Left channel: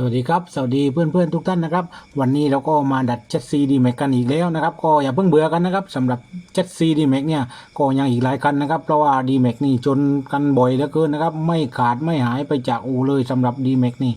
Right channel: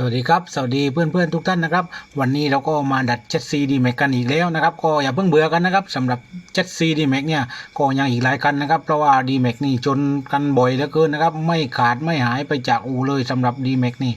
สวัสดีครับ สวัสดีเพื่อนๆทุกท่านนะครับ วันนี้เราก็มาดัดเจ็ดซีดีแม็กกันอีกแล้วนะครับ ก็อย่าเพิ่งเบื่อกันนะครับสำหรับเจ็ดซีดีแม็กเนี่ยก็ยังอีกหลายคันนะครับ เพราะว่าดีแม็กนี่จนกันบ่อยเหลือเกินนะครับ ไม่ขาดไม่หายไปจากอูเลยสำหรับดีแม็กนี่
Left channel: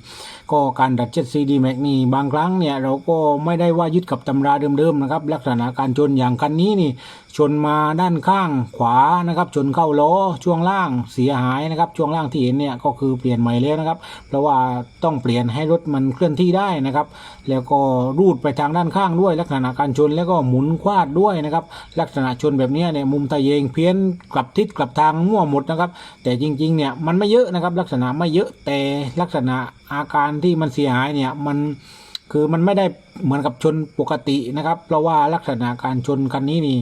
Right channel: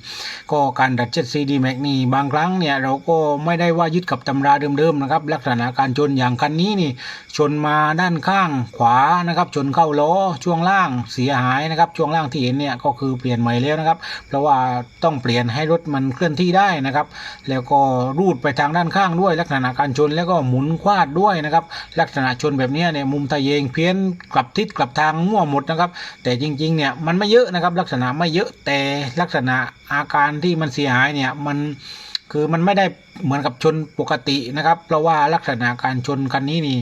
ก็การดัดเจ็ดซีดีแม็กนี่บางครั้งเนี่ยเราก็ไม่ได้ว่ายึดกับตำราเดิมๆนะครับ ลักษณะการชนอย่างคันนี้นี่ ชนมาด้านข้างขวานะครับ ชนเข้าล้อช่วงล่างเสียหายนะครับ ช่วงล่างที่เห็นเนี่ยก็คือเปลี่ยนใหม่แล้วนะครับ เพราะว่าต้องเปลี่ยนให้รถมันเคลื่อนที่ได้นะครับ แล้วก็รูดไปทางด้านข้างด้วยลักษณะการชนแล้วก็หมุนควาดด้วยนะครับ ลักษณะชนแบบนี้เนี่ยมุมตะเยงเพี้ยนกลับทิศกลับทางมั่วหมดนะครับ แต่จริงๆเนี่ยมันไม่เยอะนะครับ ลักษณะไม่เยอะแต่ลักษณะอาการที่มันเสียหายเนี่ยมันคือมันไม่ได้เหมือนกับชนปกตินะครับ เพราะว่าลักษณะการชนคันนี้นี่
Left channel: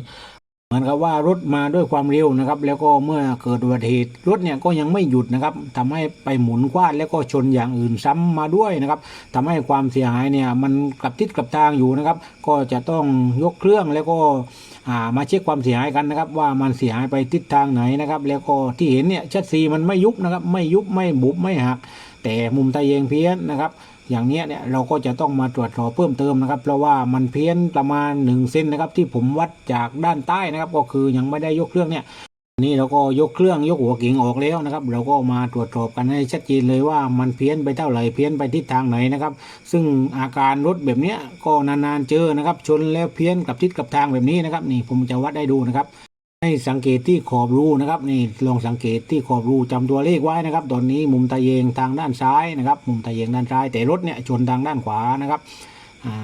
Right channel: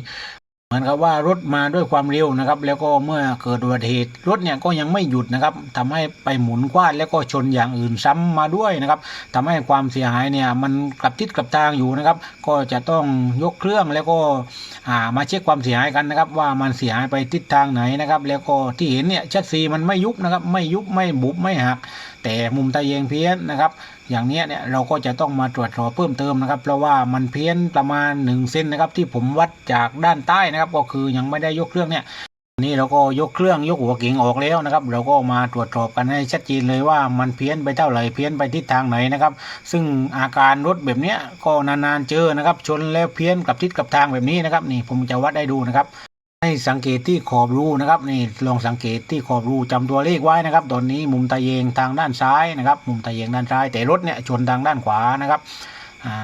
เหมือนกับว่ารถมาด้วยความเร็วนะครับ แล้วก็เมื่อเกิดอุบัติเหตุรถเนี่ยก็ยังไม่หยุดนะครับทำให้ไปหมุนคว้านแล้วก็ชนอย่างอื่นซ้ำมาด้วยนะครับทำให้ความเสียหายเนี่ยมันกลับทิศกลับทางอยู่นะครับ ก็จะต้องยกเครื่องแล้วก็อ่ามาเช็คความเสียหายกันนะครับ ว่ามันเสียหายไปทิศทางไหนนะครับ แล้วก็ที่เห็นเนี่ยชัดซีมันไม่ยุบนะครับ ไม่ยุบไม่บุบไม่หัก แต่มุมตะเยงเพี้ยนนะครับ อย่างเนี้ยเนี่ยเราก็จะต้องมาตรวจสอบเพิ่มเติมนะครับ เพราะว่ามันเพี้ยนประมาณ1เซนนะครับ ที่ผมวัดจากด้านใต้นะครับ ก็คือยังไม่ได้ยกเครื่องเนี่ยนี่เราก็ยกเครื่องยกหัวกิ่งออกแล้วนะครับ เราก็มาตรวจสอบกันให้ชัดเจนเลยว่ามันเพี้ยนไปเท่าไหร่เพี้ยนไปทิศทางไหนนะครับ ซึ่งอาการรถแบบเนี้ยก็นานๆเจอนะครับ ชนแล้วเพี้ยนกับทิศกับทางแบบนี้นะครับ นี่ผมจะวัดให้ดูนะครับ ให้สังเกตที่ขอบรูนะครับนี่ลองสังเกตที่ขอบรูจำตัวเลขไว้นะครับ ตอนนี้มุมตะเยงทางด้านซ้ายนะครับ มุมตะเยงด้านซ้าย แต่รถเนี่ยชนทางด้านขวานะครับ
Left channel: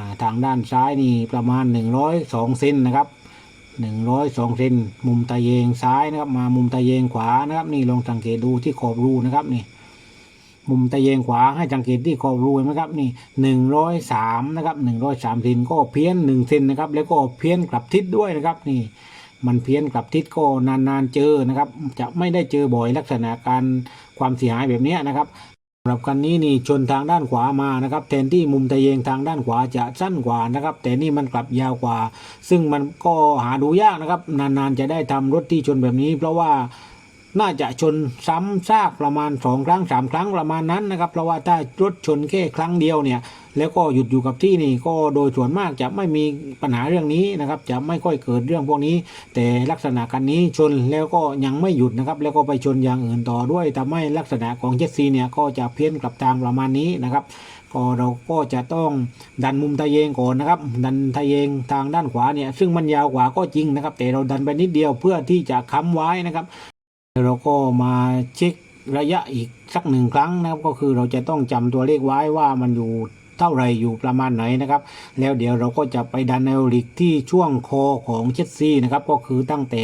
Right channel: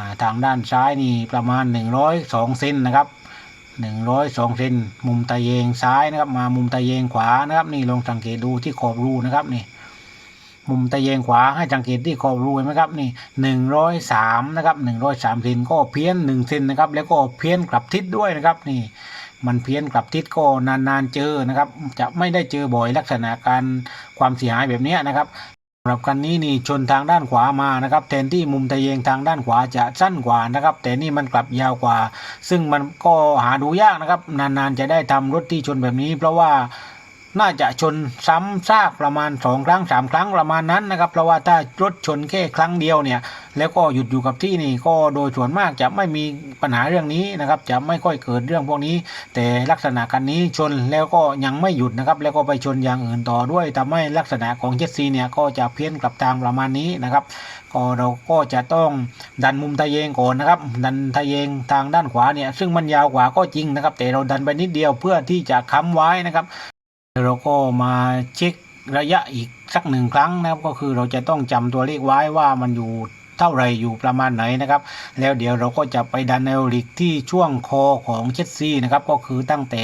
าทางด้านซ้ายนี่ประมาณ 102เซนนะครับ102เซนมุมตะเยงซ้ายนะครับ มามุมตะเยงขวานะครับ นี่ลองสังเกตดูที่ขอบรูนะครับนี่มุมตะเยงขวาให้สังเกตที่ขอบรูเห็นไหมครับนี่หนึ่งร้อยสามนะครับหนึ่งร้อยสามเซนก็เพี้ยนหนึ่งเซนนะครับ แล้วก็เพี้ยนกลับทิศด้วยนะครับนี่ มันเพี้ยนกลับทิศก็นานๆเจอนะครับ จะไม่ได้เจอบ่อยลักษณะการความเสียหายแบบนี้นะครับสำหรับคันนี้นี่ชนทางด้านขวามานะครับแทนที่มุมตะเยงทางด้านขวาจะสั้นกว่านะครับ แต่นี่มันกลับยาวกว่า ซึ่งมันก็หาดูยากนะครับ นานๆจะได้ทำรถที่ชนแบบนี้ เพราะว่า น่าจะชนซ้ำซากประมาณสองครั้งสามครั้งประมาณนั้นนะครับเพราะว่าถ้ารถชนแค่ครั้งเดียวเนี่ยแล้วก็หยุดอยู่กับที่นี่ก็โดยส่วนมากจะไม่มีปัญหาเรื่องนี้นะครับ จะไม่ค่อยเกิดเรื่องพวกนี้ แต่ลักษณะกันนี้ชนแล้วก็ยังไม่หยุดนะครับ แล้วก็ไปชนอย่างอื่นต่อด้วยทำให้ลักษณะของเจ็ตซีเนี่ยก็จะเพี้ยนกลับทางประมาณนี้นะครับก็เราก็จะต้องดันมุมทะเยงก่อนนะครับ ดันทะเยงทางด้านขวาเนี่ยซึ่งมันยาวกว่าก็จริงนะครับ แต่เราดันไปนิดเดียวเพื่อที่จะค้ำไว้นะครับ เราก็มาเช็คระยะอีกสักหนึ่งครั้งนะครับ ก็คือเราจะต้องจำตัวเลขไว้ว่ามันอยู่เท่าไรอยู่ประมาณไหนนะครับ แล้วเดี๋ยวเราก็จะไปดันแนวลิกที่ช่วงคอของเชสซีนะครับ ก็คือตั้งแต่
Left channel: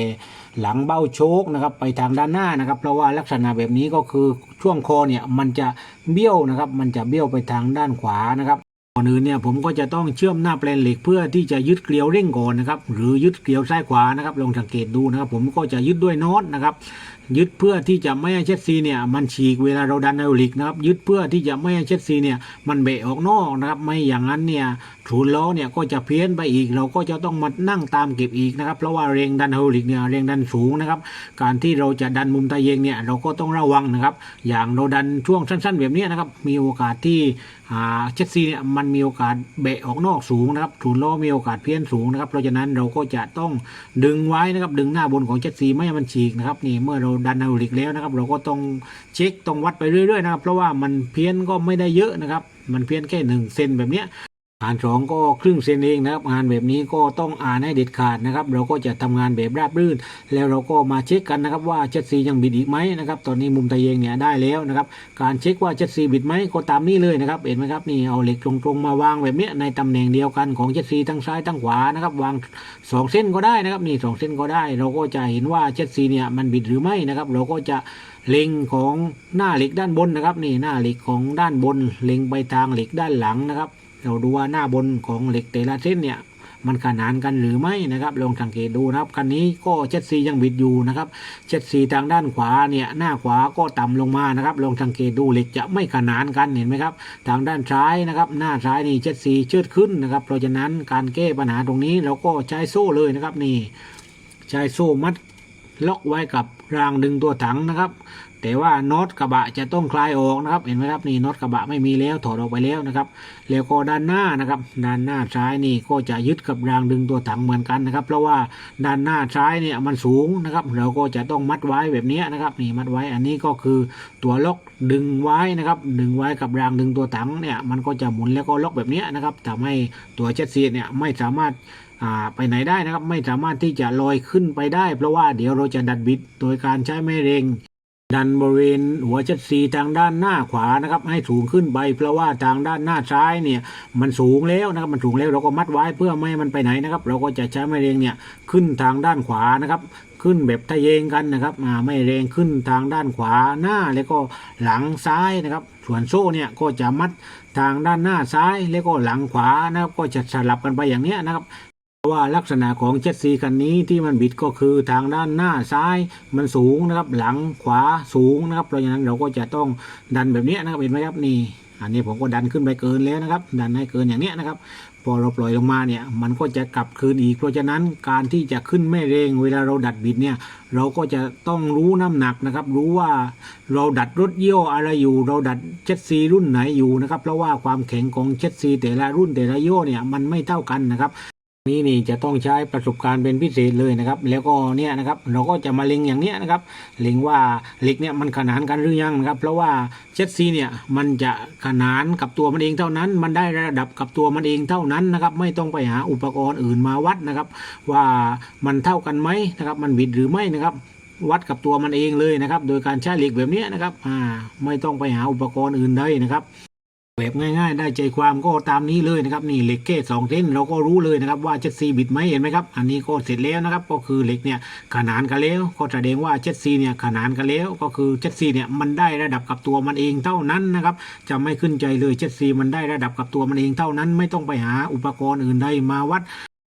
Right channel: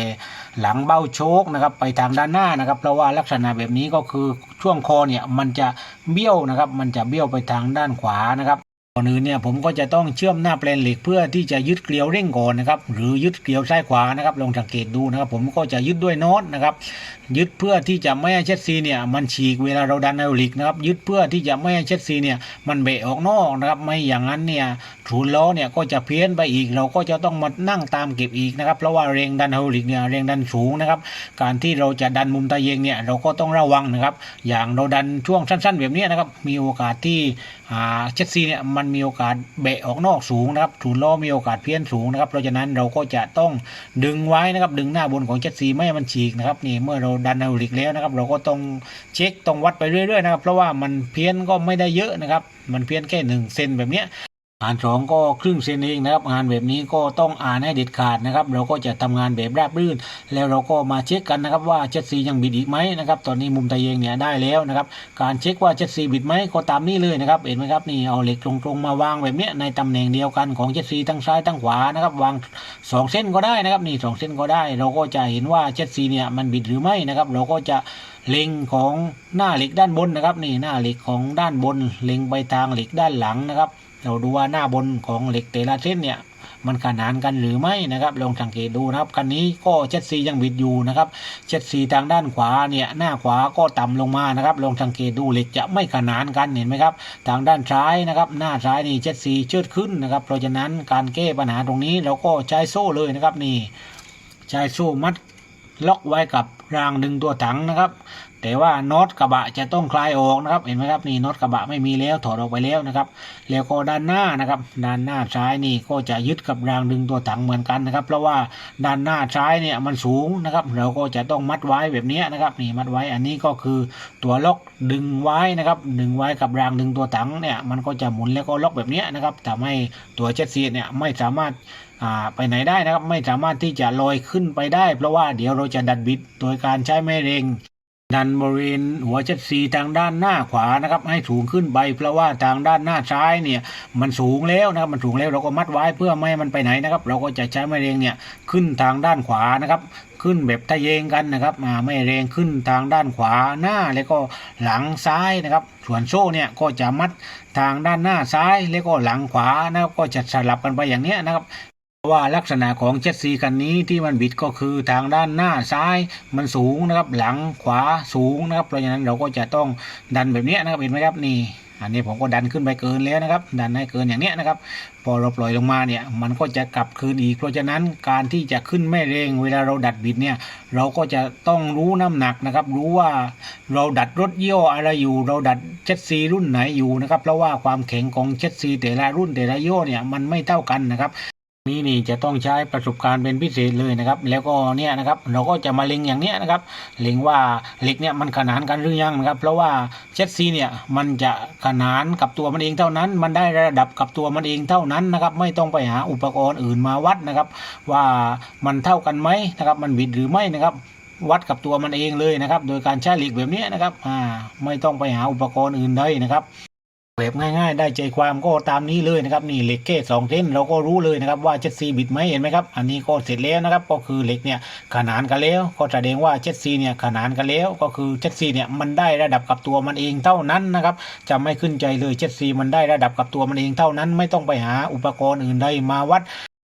หลังเบ้าโชคนะครับไปทางด้านหน้านะครับ เพราะว่าลักษณะแบบนี้ก็คือช่วงคอเนี่ยมันจะเบี้ยวนะครับ มันจะเบี้ยวไปทางด้านขวานะครับก่อนอื่นเนี่ยผมก็จะต้องเชื่อมหน้าแปลนเหล็กเพื่อที่จะยึดเกลียวเร่งก่อนนะครับหรือยึดเกลียวซ้ายขวานะครับลองสังเกตดูนะครับ ผมก็จะยึดด้วยน็อตนะครับ ยึดเพื่อที่จะไม่ให้เชสซีเนี่ยมันฉีกเวลาเราดันไฮดรอลิกนะครับยึดเพื่อที่จะไม่ให้เชสซีเนี่ยมันเบะออกนอกนะครับไม่อย่างนั้นเนี่ยถูนล้อเนี่ยก็จะเพี้ยนไปอีกเราก็จะต้องมานั่งตามเก็บอีกนะครับเพราะว่าแรงดันไฮดรอลิกเนี่ยแรงดันสูงนะครับการที่เราจะดันมุมตะเยงเนี่ยเราก็ต้องระวังนะครับอย่างเราดันช่วงสั้น ๆ แบบนี้นะครับมีโอกาสที่อ่าเชสซีเนี่ยมันมีโอกาสเบะออกนอกสูงนะครับถูนล้อมีโอกาสเพี้ยนสูงนะครับเพราะฉะนั้นเราก็จะต้องดึงไว้นะครับดึงหน้าบนของเชสซีไม่ให้มันฉีกนะครับนี่เมื่อเราดันไฮดรอลิกแล้วนะครับ เราก็ต้องเช็คต้องวัดไปเรื่อยๆนะครับ เพราะว่ามันเพี้ยนก็ไม่ได้เยอะนะครับ มันเพี้ยนแค่หนึ่งเซนแบบเนี้ย อ่านสองก็ครึ่งเซนเองนะครับ งานแบบนี้ก็ต้องอ่านให้เด็ดขาดนะครับ เราก็จะทำงานแบบราบรื่น แล้วเราก็มาเช็คกันนะครับว่าเจ็ดซียังบิดอีกไหมนะครับ ตอนนี้มุมตะเยงเนี่ยได้แล้วนะครับ การเช็คว่าเจ็ดซีบิดไหมก็ตามนี้เลยนะครับ เห็นไหมครับนี่เอาเหล็กตรงๆมาวางแบบนี้ในตำแหน่งเดียวกันของเจ็ดซีทั้งซ้ายทั้งขวานะครับ วางสองเส้นก็ได้นะครับนี่สองเส้นก็ได้ เราก็จะเห็นว่าเจ็ดซีเนี่ยมันบิดหรือไม่นะครับ เราก็จะเล็งของหน้าเหล็กด้านบนนะครับ นี่หน้าเหล็กของด้านบน เล็งไปทางเหล็กด้านหลังนะครับ เราดูว่าหน้าบนของเหล็กแต่ละเส้นเนี่ยมันขนานกันหรือไม่นะครับลองสังเกตดูนะครับคันนี้ก็เจ็ดซียังบิดอยู่นะครับเจ็ดซีทางด้านขวาเนี่ยหน้าขวาก็ต่ำลงมานะครับลองสังเกตดูเหล็กจะไม่ขนานกันเห็นไหมครับทางด้านซ้ายนะครับหน้าซ้ายนี่เจ็ดซีเชิดขึ้นนะครับ เพราะฉะนั้นการแก้ปัญหาตรงนี้เราก็ใช้โซ่เลยนะครับนี่ใช้โซ่มัดล็อกไว้กับรางดึงตัวถังนะครับ แต่ว่าน็อตกระบะจะต้องคลายออกนะครับเห็นไหมครับนี่น็อตกระบะไม่มีแล้วถอดออกไปแล้วนะครับแล้วก็ด้านหน้านะครับด้านหน้าซ้ายนี่ก็จะยึดกับรางดึงตัวถังเหมือนกันนะครับ เพราะว่าด้านหน้าซ้ายเนี่ยมันสูงนะครับ เราก็จะต้องมัดไว้แบบนี้นะครับนี่มัดไว้อันนี้ก็คือตัวล็อกดึงไว้นะครับ ดึงไว้กับรางดึงตัวถังเนี่ยมันก็จะหมุนแล้วก็ล็อกแบบนี้นะครับทำให้ตัวเจ็ตซีเนี่ยไม่สามารถไปไหนได้นะครับไม่สามารถที่จะลอยขึ้นไปได้ เพราะว่าเดี๋ยวเราจะดัดบิดโดยการใช้แม่เรง ดันบริเวณหัวเจ็ดสีทางด้านหน้าขวานะครับ ให้สูงขึ้นไปเพราะว่าทางด้านหน้าซ้ายเนี่ยมันสูงแล้วนะครับมันสูงแล้วเราก็มัดไว้เพื่อไม่ให้มันไปไหนนะครับ เราก็จะใช้แม่เรียงเนี่ยขึ้นทางด้านขวานะครับขึ้นแบบทะเยงกันนะครับอ่าไม่เรงขึ้นทางด้านขวาหน้าแล้วก็หลังซ้ายนะครับ ส่วนโซ่เนี่ยก็จะมัดทางด้านหน้าซ้ายแล้วก็หลังขวานะครับ ก็จะสลับกันไปอย่างเนี้ยนะครับ ว่าลักษณะของเจ็ตซีคันนี้ที่มันบิดก็คือทางด้านหน้าซ้ายมันสูงนะครับ หลังขวาสูงนะครับ เพราะฉะนั้นเราก็จะต้องดันแบบนี้นะครับเห็นไหมครับนี่ อันนี้ผมก็ดันขึ้นไปเกินแล้วนะครับ ดันให้เกินอย่างเนี้ยนะครับ พอเราปล่อยลงมาเนี่ย มันก็จะกลับคืนอีก เพราะฉะนั้นการที่จะขึ้นแม่เรงเวลาเราดัดบิดเนี่ย เราก็จะต้องรู้น้ำหนักนะครับ รู้ว่าเราดัดรถเยี่ยวอะไรอยู่ เราดัดเจ็ตซีรุ่นไหนอยู่นะครับ เพราะว่าความแข็งของเจ็ตซีแต่ละรุ่นแต่ละยี่ห้อเนี่ยมันไม่เท่ากันนะครับ นี่นี่จะต้องใช้ประสบการณ์เป็นพิเศษเลยนะครับ แล้วก็เนี่ยนะครับเราก็จะมาเล็งอย่างเนี้ยนะครับเล็งว่าเหล็กเนี่ยมันขนานกันหรือยังนะครับ เพราะว่าเจ็ตซีเนี่ยมันจะขนานกับตัวมันเองเท่านั้น มันได้ระดับกับตัวมันเองเท่านั้นนะครับ ไม่ต้องไปหาอุปกรณ์อื่นมาวัดนะครับ ว่ามันเท่ากันไหมนะครับ มันบิดหรือไม่นะครับวัดกับตัวมันเองเลยนะครับ โดยการใช้เหล็กแบบเนี้ยนะครับอ่าไม่ต้องไปหาอุปกรณ์อื่นเลยนะครับ แบบง่ายๆ ได้ใจความก็ตามนี้เลยนะครับนี่เหล็กเก้สองเส้นเราก็รู้เลยนะครับว่าเจ็ดซีบิดไหมเห็นไหมครับอันนี้ก็เสร็จแล้วนะครับก็คือเหล็กเนี่ยขนานกันแล้วก็แสดงว่าเจ็ดซีเนี่ยขนานกันแล้วก็คือเจ็ดซีเนี่ยมันได้ระดับกับตัวมันเองเท่านั้นนะครับจะไม่ขึ้นใจเลยเจ็ดซีมันได้ระดับกับตัวมันเองเท่านั้น ไม่ต้องไปหาอุปกรณ์อื่นใดมาวัด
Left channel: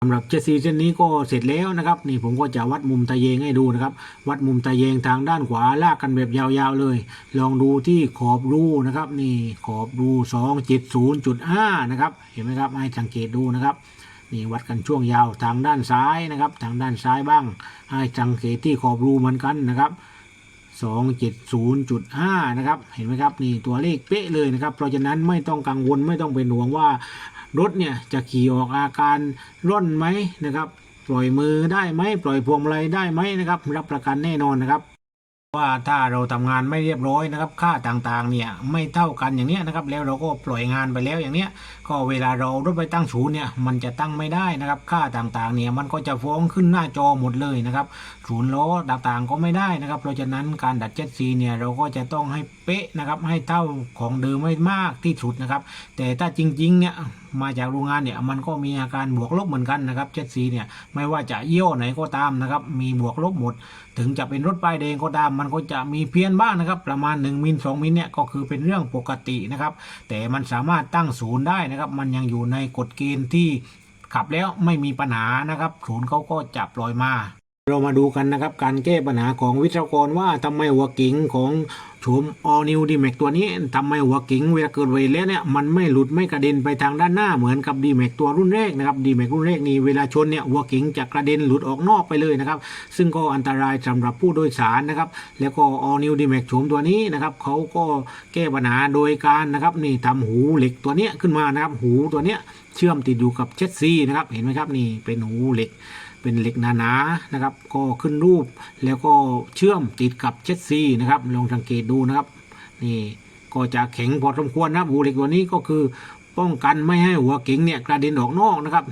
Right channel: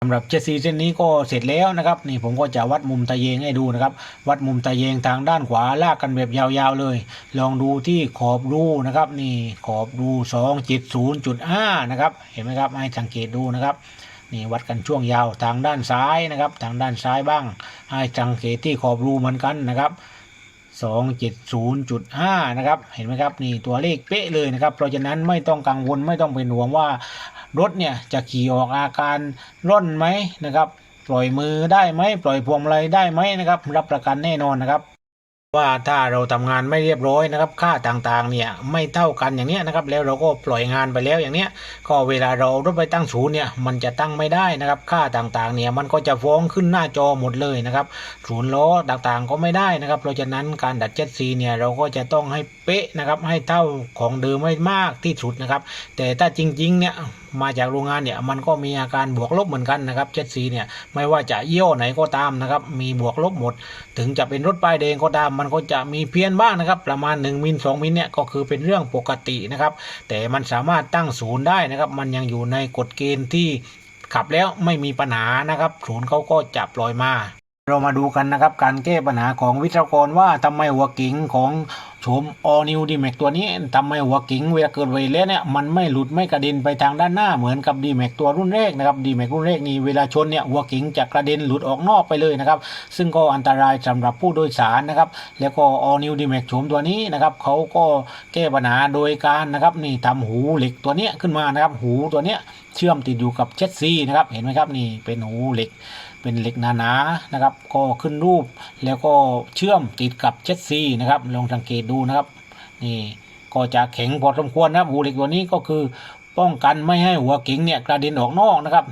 สำหรับเจ็ดซีเส้นนี้ก็เสร็จแล้วนะครับนี่ผมก็จะวัดมุมตะเยงให้ดูนะครับ วัดมุมตะเยงทางด้านขวาลากกันแบบยาวๆเลย ลองดูที่ขอบรูนะครับ นี่ขอบรูสองจิตศูนย์จุดห้านะครับเห็นไหมครับให้สังเกตดูนะครับนี่วัดกันช่วงยาวทางด้านซ้ายนะครับ ทางด้านซ้ายบ้าง ให้สังเกตที่ขอบรูเหมือนกันนะครับสองเจ็ดศูนย์จุดห้านะครับเห็นไหมครับนี่ตัวเลขเป๊ะเลยนะครับเพราะฉะนั้นไม่ต้องกังวลไม่ต้องเป็นห่วงว่า รถเนี่ยจะขี่ออกอาการร่นไหมนะครับ ปล่อยมือได้ไหมปล่อยพวงมาลัยได้ไหมนะครับ รับประกันแน่นอนนะครับ ว่าถ้าเราทำงานไม่เรียบร้อยนะครับ ค่าต่างๆเนี่ยไม่เท่ากันอย่างเนี้ยนะครับ แล้วเราก็ปล่อยงานไปแล้วอย่างเนี้ย ก็เวลาเรารถไปตั้งศูนย์เนี่ยมันจะตั้งไม่ได้นะครับ ค่าต่างๆเนี่ยมันก็จะฟ้องขึ้นหน้าจอหมดเลยนะครับศูนย์ล้อต่างๆก็ไม่ได้นะครับ เพราะฉะนั้นการดัดเจ็ตซีเนี่ยเราก็จะต้องให้เป๊ะนะครับ ให้เท่าของเดิมไม่มากที่สุดนะครับ แต่ถ้าจริงๆเนี่ย มาจากโรงงานเนี่ยมันก็มีอาการบวกลบเหมือนกันนะครับเจ็ตซีเนี่ยไม่ว่าจะยี่ห้อไหนก็ตามนะครับมีบวกลบหมด ถึงจะเป็นรถป้ายแดงก็ตาม มันก็จะมีเพี้ยนบ้างนะครับ ประมาณ 1มิล2มิลเนี่ยก็คือเป็นเรื่องปกตินะครับแต่มันสามารถตั้งศูนย์ได้นะครับ มันยังอยู่ในกฎเกณฑ์ที่ขับแล้วไม่มีปัญหานะครับศูนย์เขาก็จะปล่อยมา เรามาดูกันนะครับ การแก้ปัญหาของวิศวกรว่าทำไมหัวกิ่งของโฉม All New d m a x ตัวนี้ทำไมหัวกิ่งเวลาเกิดไวแล้วเนี่ยมันไม่หลุดไม่กระเด็นไปทางด้านหน้าเหมือนกับ d m a x ตัวรุ่นแรกนะครับ d m a x รุ่นแรกนี่เวลาชนเนี่ยหัวกิ่งจะกระเด็นหลุดออกนอกไปเลยนะครับ ซึ่งก็อันตรายสำหรับผู้โดยสารนะครับ แล้วก็ All New d m a x โฉมตัวนี้นะครับเขาก็แก้ปัญหาโดยการนะครับนี่ทำหูเหล็กตัวเนี้ยขึ้นมานะครับหูตัวเนี้ย เชื่อมติดอยู่กับเจ็ดซีนะครับเห็นไหมครับนี่เป็นหูเหล็กเป็นเหล็กหนาๆนะครับ ก็ขึ้นรูปแล้วก็เชื่อมติดกับเจ็ดซีนะครับลองสังเกตดูนะครับ นี่ก็จะแข็งพอสมควรนะครับหูเหล็กตัวนี้ก็คือป้องกันไม่ให้หัวกิ่งเนี่ยกระเด็นออกนอกนะครับ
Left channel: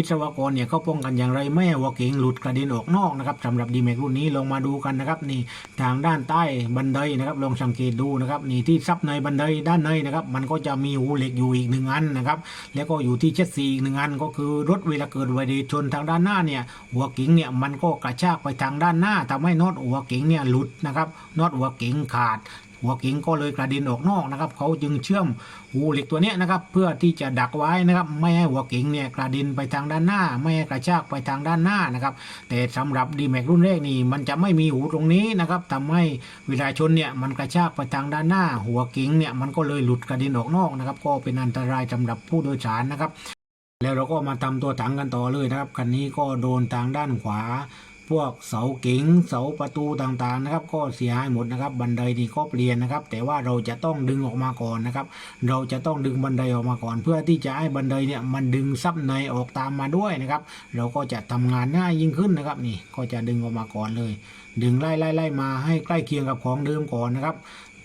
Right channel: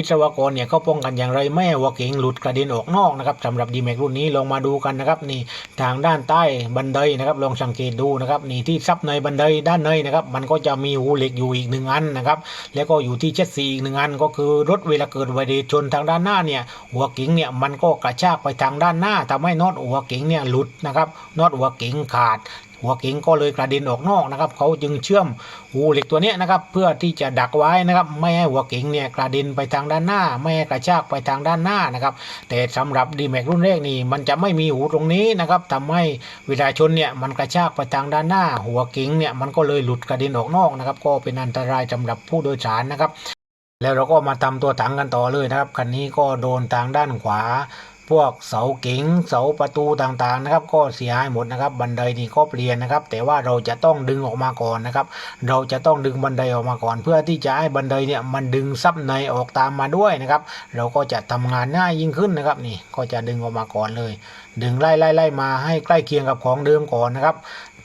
วิศวกรเนี่ยเขาป้องกันอย่างไรไม่ให้หัวเก๋งหลุดกระเด็นออกนอกนะครับสำหรับดีแม็กรุ่นนี้ลองมาดูกันนะครับนี่ทางด้านใต้บันไดนะครับลองสังเกตดูนะครับนี่ที่ซับในบันไดด้านในนะครับมันก็จะมีหูเหล็กอยู่อีกหนึ่งอันนะครับแล้วก็อยู่ที่เจ็ดสีอีกหนึ่งอันก็คือรถเวลาเกิดอุบัติเหตุชนทางด้านหน้าเนี่ยหัวเก๋งเนี่ยมันก็กระชากไปทางด้านหน้าทำให้น็อตหัวเก๋งเนี่ยหลุดนะครับน็อตหัวเก๋งขาด หัวเก๋งก็เลยกระเด็นออกนอกนะครับเขาจึงเชื่อมหูเหล็กตัวนี้นะครับเพื่อที่จะดักไว้นะครับไม่ให้หัวเก๋งเนี่ยกระเด็นไปทางด้านหน้า ไม่ให้กระชากไปทางด้านหน้านะครับแต่สำหรับดีแม็กรุ่นแรกนี่มันจะไม่มีหูตรงนี้นะครับทำให้เวลาชนเนี่ยมันกระชากไปทางด้านหน้า หัวเก๋งเนี่ยมันก็เลยหลุดกระเด็นออกนอกนะครับก็เป็นอันตรายสำหรับผู้โดยสารนะครับแล้วเราก็มาทำตัวถังกันต่อเลยนะครับคันนี้ก็โดนทางด้านขวา พวกเสาเก๋งเสาประตูต่างๆนะครับ ก็เสียหายหมดนะครับ บันไดนี่ก็เปลี่ยนนะครับ แต่ว่าเราจะต้องดึงออกมาก่อนนะครับ เราจะต้องดึงบันไดออกมาก่อน เพื่อที่จะให้บันไดเนี่ยมันดึงซับในออกตามมาด้วยนะครับ เราก็จะทำงานง่ายยิ่งขึ้นนะครับนี่ก็จะดึงออกมาก่อนเลย ดึงไล่ไล่ไล่มาให้ใกล้เคียงกับของเดิมก่อนนะครับ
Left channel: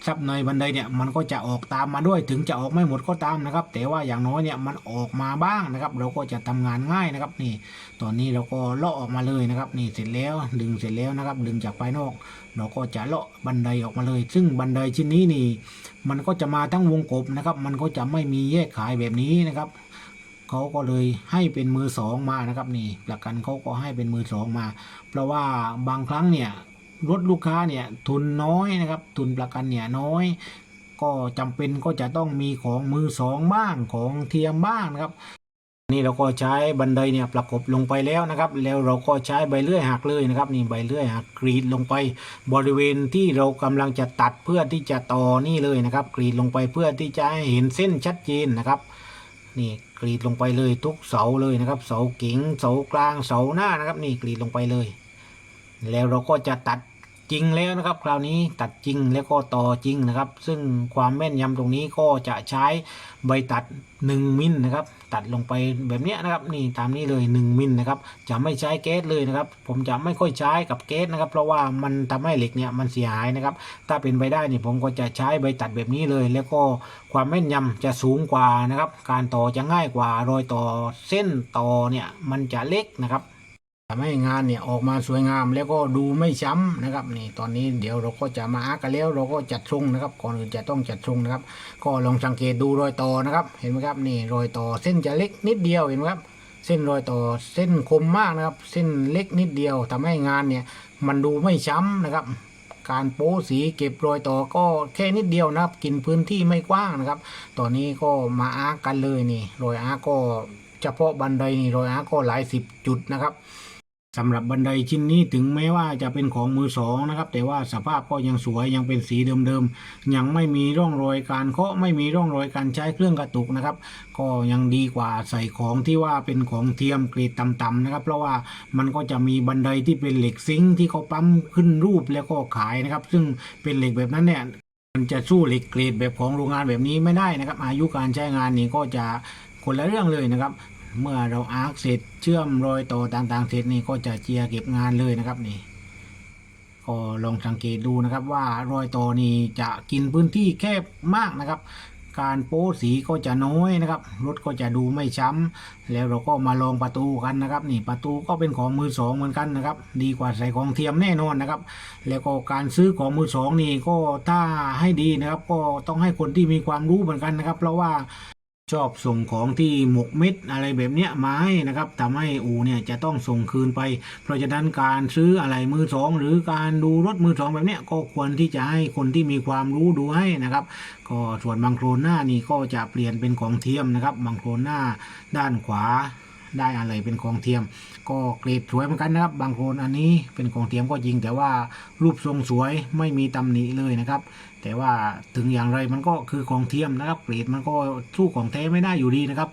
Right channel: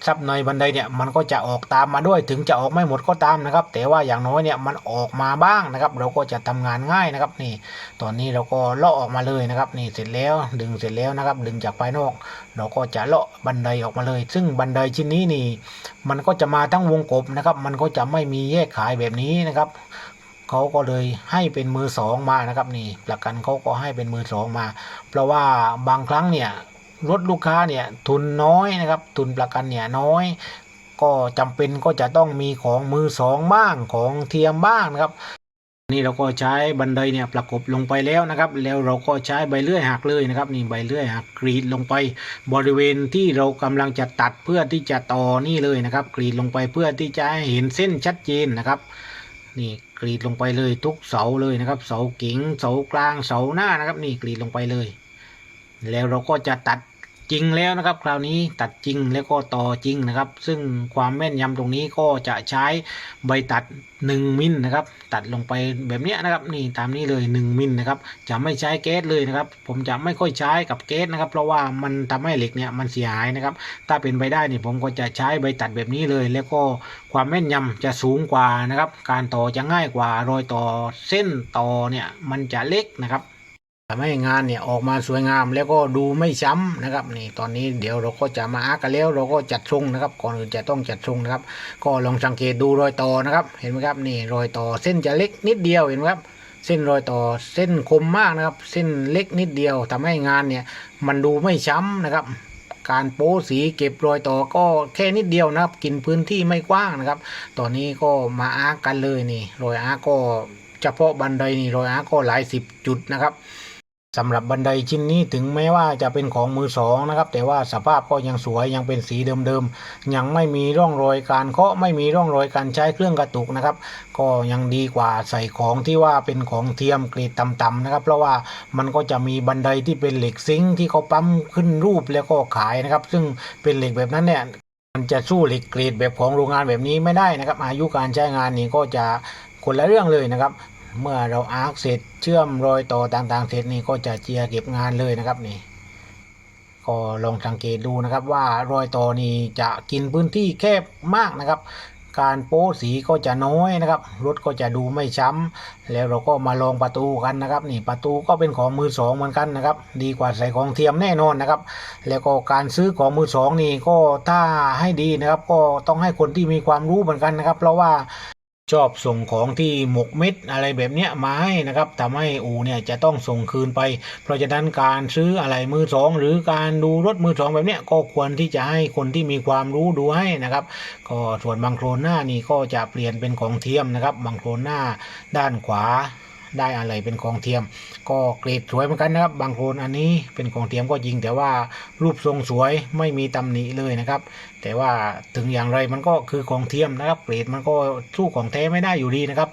ซับในบันไดเนี่ยมันก็จะออกตามมาด้วยถึงจะออกไม่หมดก็ตามนะครับ แต่ว่าอย่างน้อยเนี่ยมันออกมาบ้างนะครับ เราก็จะทำงานง่ายนะครับนี่ ตอนนี้เราก็เลาะออกมาเลยนะครับนี่เสร็จแล้วดึงเสร็จแล้วนะครับ ดึงจากภายนอก เราก็จะเลาะบันไดออกมาเลย ซึ่งบันไดชิ้นนี้นี่ มันก็จะมาทั้งวงกบนะครับ มันก็จะไม่มีแยกขายแบบนี้นะครับเขาก็เลยให้เป็นมือสองมานะครับนี่ประกันเขาก็ให้เป็นมือสองมา เพราะว่าบางครั้งเนี่ย รถลูกค้าเนี่ยทุนน้อยนะครับ ทุนประกันเนี่ยน้อย ก็จำเป็นก็จะต้องมีของมือสองบ้างของเทียมบ้างนะครับ นี่เราก็ใช้บันไดเนี่ยประกบลงไปแล้วนะครับ แล้วเราก็ใช้ใบเลื่อยหักเลยนะครับ นี่ใบเลื่อยหักกรีดลงไป บริเวณที่เรากำลังจะตัดเพื่อที่จะต่อนี่เลยนะครับ กรีดลงไปเพื่อที่จะให้เห็นเส้นชัดเจนนะครับนี่กรีดลงไปเลยทุกเสาเลยนะครับ เสาเก๋งเสากลางเสาหน้านะครับ นี่กรีดลงไปเลย แล้วเราก็จะตัด จริงแล้วนะครับ คราวนี้ตัดจริงแล้วก็ต่อจริงนะครับ ซึ่งความแม่นยำตรงนี้ก็จะใช้ใบตัด 1 มิลนะครับ ตัดลงไปแบบนี้นะครับ นี่ตามนี้เลย 1 มิลนะครับ จะไม่ใช้แก๊สเลยนะครับ ผมจะไม่ค่อยใช้กับแก๊สนะครับ เพราะว่ามันทำให้เหล็กเนี่ยมันเสียหายนะครับ ถ้าเป็นไปได้เนี่ยผมก็จะใช้ใบตัดแบบนี้เลย แล้วก็ความแม่นยำจะสูงกว่านะครับ การต่อจะง่ายกว่ารอยต่อเส้นต่อเนี่ยมันจะเล็กนะครับ ทำให้งานเนี่ยออกมาสวยงามแล้วก็ดูไม่ช้ำนะครับนี่ตอนนี้เดี๋ยวเราก็จะมาอากันแล้วเราก็จัดทรงนะครับก่อนอื่นจะต้องจัดทรงนะครับ ก็ลองสังเกตดูรอยต่อนะครับ เห็นไหมครับนี่รอยต่อเส้นจะเล็กนิดเดียวเห็นไหมครับ เส้นรอยต่อเส้นคมมากนะครับ เส้นเล็กนิดเดียวทำให้งานเนี่ยมันดูไม่ช้ำนะครับ การโป้สีเก็บรอยต่อก็แค่นิดเดียวนะครับ กินพื้นที่ไม่กว้างนะครับ ตอนนี้ก็มาอากันเลยนี่รอยอาก็เฉพาะบันไดนี่รอยอาก็หลายสิบจุดนะครับ สำหรับบันไดชิ้นนี้ถึงแม้ว่าจะเป็นของมือสองนะครับ แต่ว่าสภาพก็ยังสวยยังเป็นสีเดิมๆ ยังไม่มีร่องรอยการเคาะไม่มีร่องรอยการใช้เครื่องกระตุกนะครับ ก็ยังดีกว่าใส่ของที่ว่าเป็นของเทียมเกรดต่ำๆนะครับ เพราะว่ามันก็จะมีบันไดที่เป็นเหล็กซิงค์ที่เขาปั๊มขึ้นรูปแล้วก็ขายนะครับ ซึ่งเป็นเหล็กแบบนั้นเนี่ยมันจะสู้เหล็กเกรดแบบของโรงงานแบบนี้ไม่ได้นะครับ อายุการใช้งานนี่ก็จะคนละเรื่องเลยนะครับ เมื่อเราอาร์คเสร็จเชื่อมรอยต่อต่างๆเสร็จนี่ก็จะเจียเก็บงานเลยนะครับนี่ก็ลองสังเกตดูนะครับว่ารอยต่อนี่จะกินพื้นที่แคบมากนะครับ การโป้สีก็จะน้อยนะครับรถก็จะดูไม่ช้ำแล้วเราก็มาลองประตูกันนะครับ นี่ประตูก็เป็นของมือสองเหมือนกันนะครับ ดีกว่าใส่ของเทียมแน่นอนนะครับ แล้วก็การซื้อของมือสองนี่ก็ถ้าให้ดีนะครับ ก็ต้องให้คนที่มีความรู้เหมือนกันนะครับ เพราะว่า ชอบส่งของที่หมกเม็ดอะไรแบบเนี้ยมาให้นะครับทำให้อูเนี่ยจะต้องส่งคืนไป เพราะฉะนั้นการซื้ออะไรมือสองหรือการดูรถมือสองแบบเนี้ยก็ควรที่จะให้คนที่มีความรู้ดูให้นะครับ ก็ส่วนบางโครนหน้านี่ก็จะเปลี่ยนเป็นของเทียมนะครับบางโครนหน้าด้านขวาได้อะไรเป็นของเทียม ก็เกรดสวยเหมือนกันนะครับ บางโครนอันนี้เป็นของเทียมก็จริงแต่ว่ารูปทรงสวยไม่มีตำหนิเลยนะครับ แต่ว่าถึงอย่างไรมันก็คือของเทียมนะครับเกรดมันก็สู้ของแท้ไม่ได้อยู่ดีนะครับ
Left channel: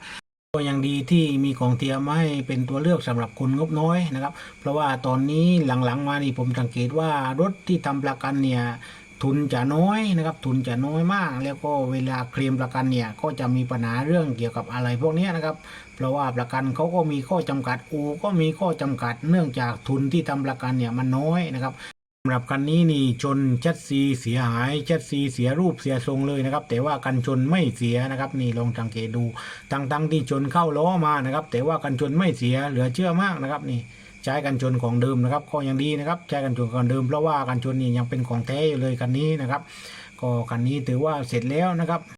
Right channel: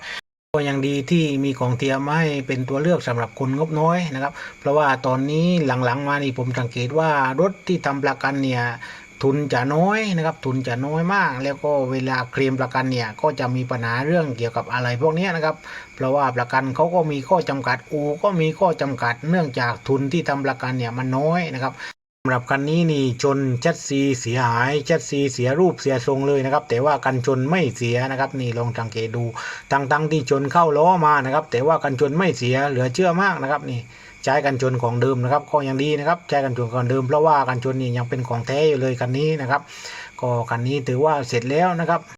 ก็ยังดีที่มีของเทียมให้เป็นตัวเลือกสำหรับคนงบน้อยนะครับ เพราะว่าตอนนี้หลังๆ มานี่ผมสังเกตว่ารถที่ทำประกันเนี่ยทุนจะน้อยนะครับ ทุนจะน้อยมาก แล้วก็เวลาเคลมประกันเนี่ยก็จะมีปัญหาเรื่องเกี่ยวกับอะไรพวกนี้นะครับ เพราะว่าประกันเขาก็มีข้อจำกัดอูก็มีข้อจำกัด เนื่องจากทุนที่ทำประกันเนี่ยมันน้อยนะครับำหรับคันนี้นี่ชนชัดซีเสียหายชัดซีเสียรูปเสียทรงเลยนะครับ แต่ว่ากันชนไม่เสียนะครับ นี่ลองสังเกตดูตั้งๆที่ชนเข้าล้อมานะครับ แต่ว่ากันชนไม่เสียเหลือเชื่อมากนะครับนี่ใช้กันชนของเดิมนะครับ ก็ยังดีนะครับใช้กันชนของเดิมเพราะว่ากันชนนี่ยังเป็นของแท้อยู่เลยคันนี้นะครับ ก็คันนี้ถือว่าเสร็จแล้วนะครับ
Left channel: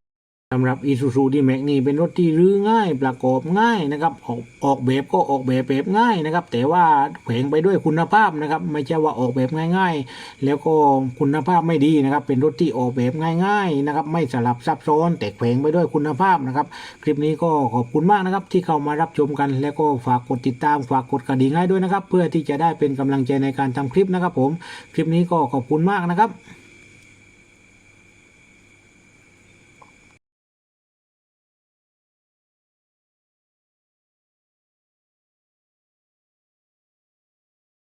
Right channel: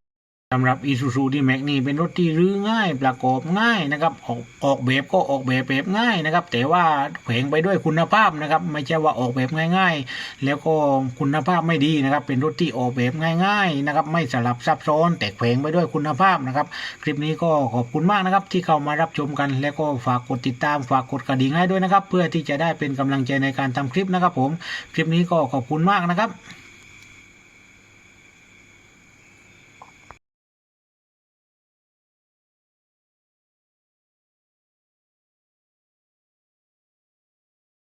สำหรับ Isuzu D-Max นี่เป็นรถที่รื้อง่ายประกอบง่ายนะครับออกออกแบบก็ออกแบบแบบง่ายนะครับ แต่ว่าแขวงไปด้วยคุณภาพนะครับ ไม่ใช่ว่าออกแบบง่าย ๆ แล้วก็คุณภาพไม่ดีนะครับ เป็นรถที่ออกแบบง่าย ๆนะครับ ไม่สลับซับซ้อน แต่แขวงไปด้วยคุณภาพนะครับ คลิปนี้ก็ขอบคุณมากนะครับ ที่เข้ามารับชมกัน แล้วก็ฝากกดติดตามฝากกดกระดิ่งให้ด้วยนะครับ เพื่อที่จะได้เป็นกำลังใจในการทำคลิปนะครับ ผมคลิปนี้ก็ขอบคุณมากนะครับ